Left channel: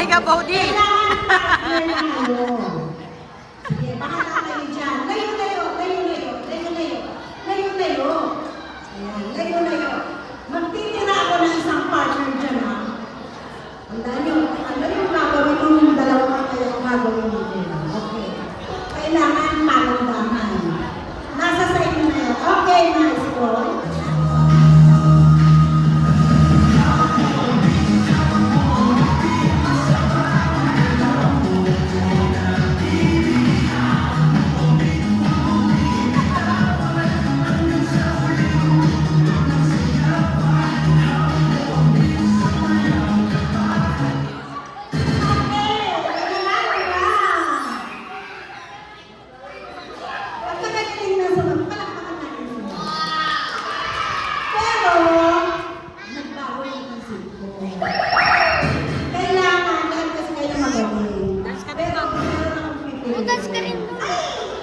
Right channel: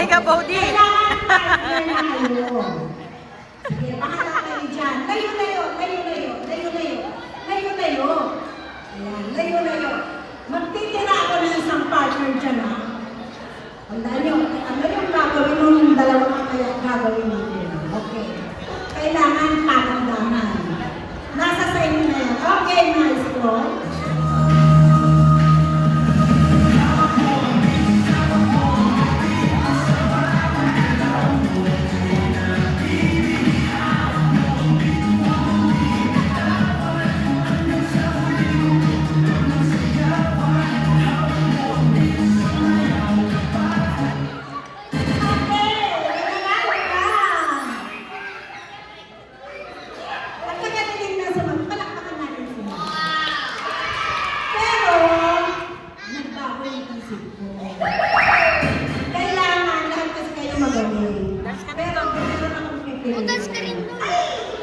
Patay ka, Bodi. Sige, bahala kayo dyan. Layo. Magtitira ako ng isang partner dyan, ha? Ano yung gagawin yung dalawang gagawin dito? Okay. Kailangan karamdaman. Nasa sa inyo na yun. Okay, maestro. Ugas ka rin mo.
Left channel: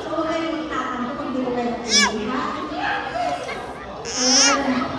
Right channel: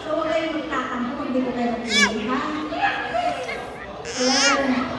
So, huwag kayong magtatanong kung hindi ko kayo pilihan. Ayan.